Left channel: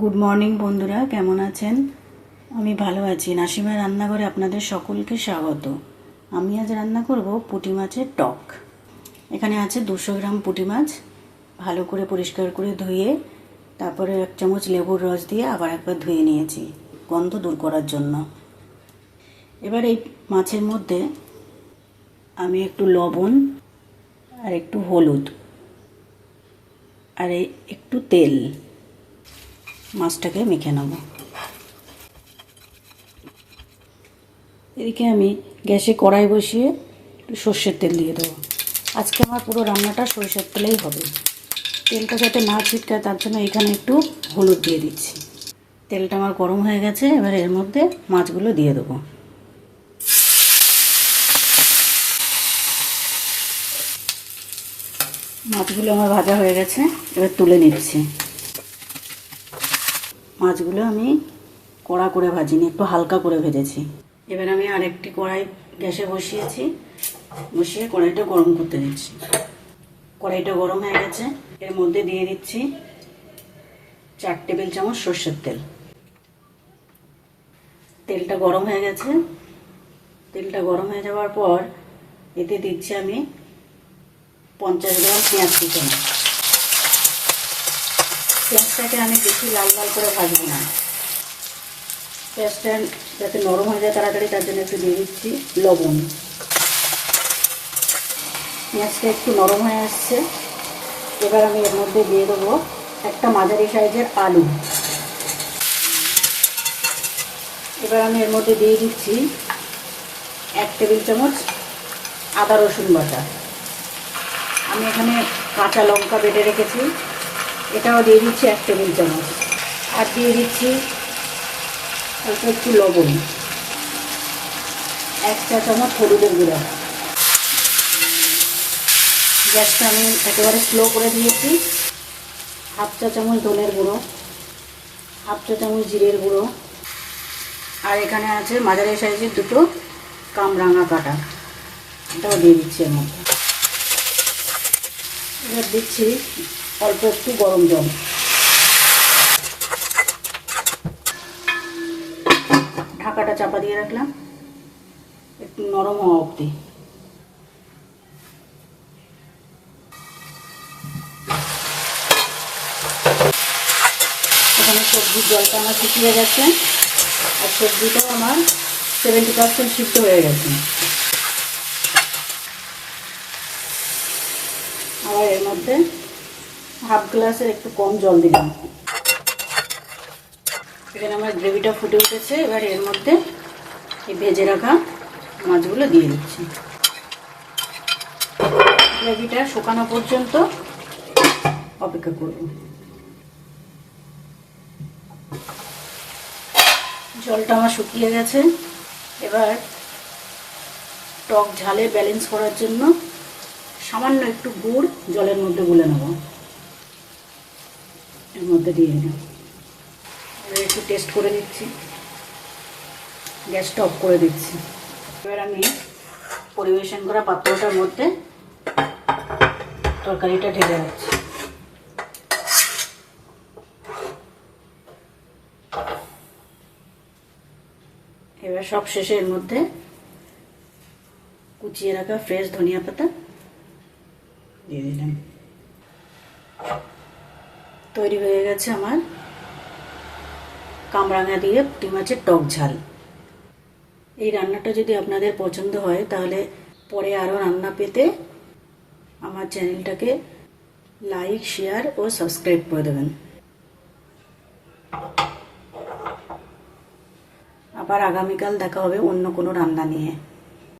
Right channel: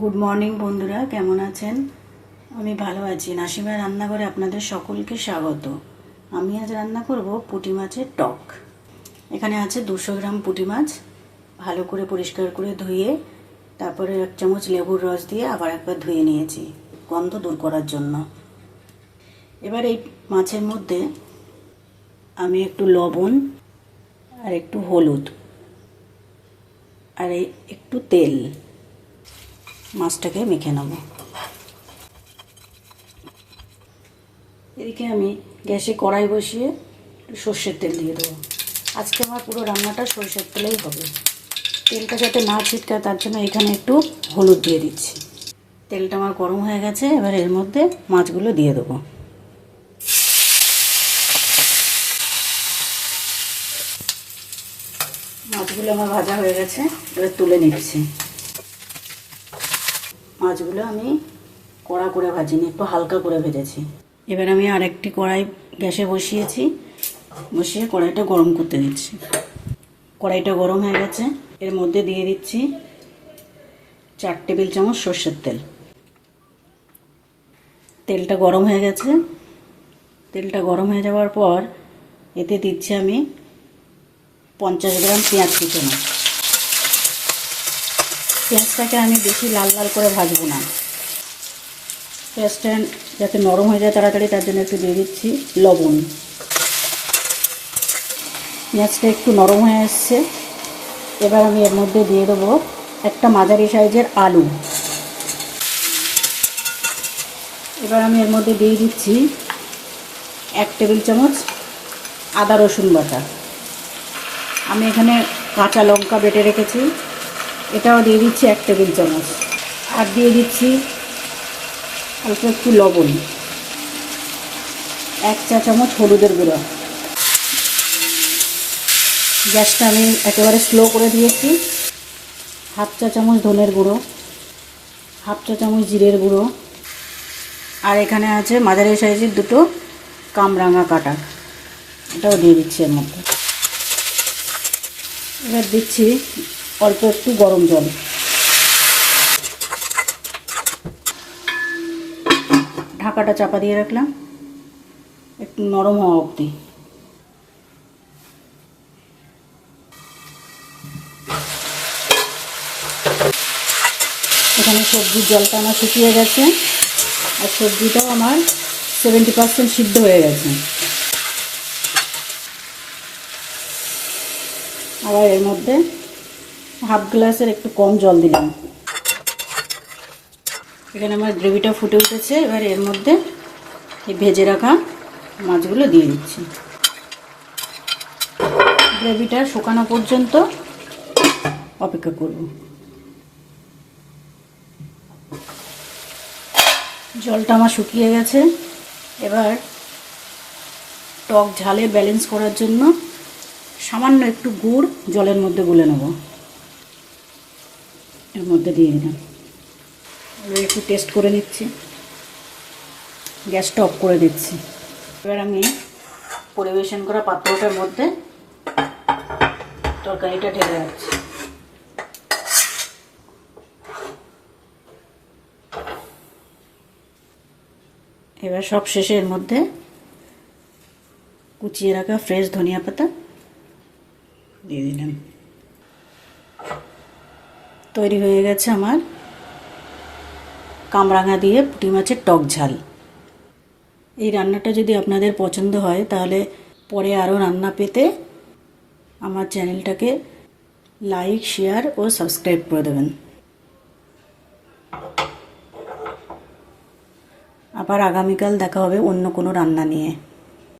Good morning বন্ধুরা, কেমন আছেন? আমি ভালো আছি। নাসিমার রান্নাঘরে আপনাদের সকলকে স্বাগত। আমি আজ রান্না করব পুঁটি মাছের টক। এখানে আছে 200 গ্রাম পুঁটি মাছ। ভালো করে পরিষ্কার করে ধুয়ে তারপরে 1 চামচ লেবুর রস দিয়ে আবার একবার ধুয়ে নিয়েছি গন্ধ দূর করার জন্য। এবার এই মাছের মধ্যে আমি একটু লবণ আর একটু হলুদ আর একটু তেল মাছটাকে মেখে নেব। এদিকে আমি গ্যাসে কড়াই বসিয়ে সর্ষের তেল দিয়ে দেবো। আজকে আমার পুরো রান্নাটা সরষের তেলেই হবে। তেলটা যাতে না ছিটকায় তার জন্য এখানে একটু হলুদ দিয়ে দিচ্ছি। তেলটা আমার গরম হয়ে গেছে, এবার এর মধ্যে মাছগুলো দিয়ে দেবো। মাছগুলো আমার ভাজা হয়ে গেছে, এবার তুলে নিচ্ছি। মাছগুলো আমি কড়া করে ভাজিনি, একটু হালকা করে ভেজেছি। এবার আমি আরেকটি কড়াই গ্যাসে বসিয়ে কড়াইটা গরম করতে দিচ্ছি। কড়াইটা গরম হয়ে গেছে, এর মধ্যে দিয়ে দিচ্ছি 4 টেবিল চামচ সরষের তেল। তেলটা গরম হয়ে গেছে। তেলটা গরম হয়ে যাওয়ার পর এতে দিচ্ছি আমি 50 গ্রাম পেঁয়াজ কুচানো। পেঁয়াজটাকে আমি বেশি লাল লাল করে ভাজবো না। পেঁয়াজটা যাতে নরম হয়ে যায় তাড়াতাড়ি, তার জন্য একটু দিয়ে দিচ্ছি লবণ। পেঁয়াজটা একটু নরম হয়ে আসছে, এবার আমি এর মধ্যে দিয়ে দেবো একটা মাঝারি সাইজের আলু। এবার আমি এর মধ্যে দিয়ে দিচ্ছি 1 টেবিল চামচ আদা রসুন বাটা। আমি এখানে কাঁচা লঙ্কা বেটে রেখেছি, এটাও দিয়ে দিচ্ছি 1 টেবিল চামচ। আর দিয়ে দিচ্ছি অল্প একটু লবণ, 1 চা চামচ হলুদের গুঁড়ো। গ্যাসটা আমি একেবারে স্লো করে দিয়েছি। 1/2 চা চামচ ধনের গুঁড়ো, 1/2 চা চামচ জিরের গুঁড়ো, আর এখানে আছে মাঝারি সাইজের 2টো কামরাঙা কাটা, এটাও দিয়ে দিচ্ছি এর মধ্যে। এবার দিচ্ছি অল্প একটু গরম জল। ঢাকাটা চাপা দিয়ে রাখলাম একটু নরম হওয়া অবধি। এখানে সবজির জলটা আমার শুকিয়ে গেছে, আর সবজিটাও আমার 70% সিদ্ধ হয়ে গেছে। আবার এর মধ্যে 1/2 গ্লাসের একটু কম জল দিলাম। এখানে আমার গ্রেভিটা ফুটে উঠেছে, এবার এর মধ্যে এই ভেজে রাখা মাছগুলো দিয়ে দিচ্ছি। গ্রেভিটা শুকানো পর্যন্ত অপেক্ষা করব। জলটা আমার শুকিয়ে গেছে। এবার টক ঝালের ব্যালেন্স করার জন্য সামান্য একটু গুড় জলের মধ্যে গুলে নেব, এর মধ্যে দিয়ে দিলাম। এবার একটু টেস্ট করে নিচ্ছি, গ্যাসটা অফ করে দিচ্ছি। এবার আমি পরিবেশন করা পাত্রটার মধ্যে তরকারিটা ঢেলে রাখছি। এবার সব শেষে এর মধ্যে কুচিয়ে রাখা ফ্রেশ ধনিয়া পাতা দিয়ে দিলাম। তৈরি হয়ে গেছে আমার কামরাঙা দিয়ে পুঁটি মাছের টক ঝাল। এই রান্নাটা যদি আপনাদের পছন্দ হয় তাহলে পরে আরও রান্না পেতে আমার চ্যানেলটাকে লাইক, শেয়ার ও সাবস্ক্রাইব করে দেবেন। আবার আগামীকাল দেখা হবে অন্য কোনো রান্না নিয়ে।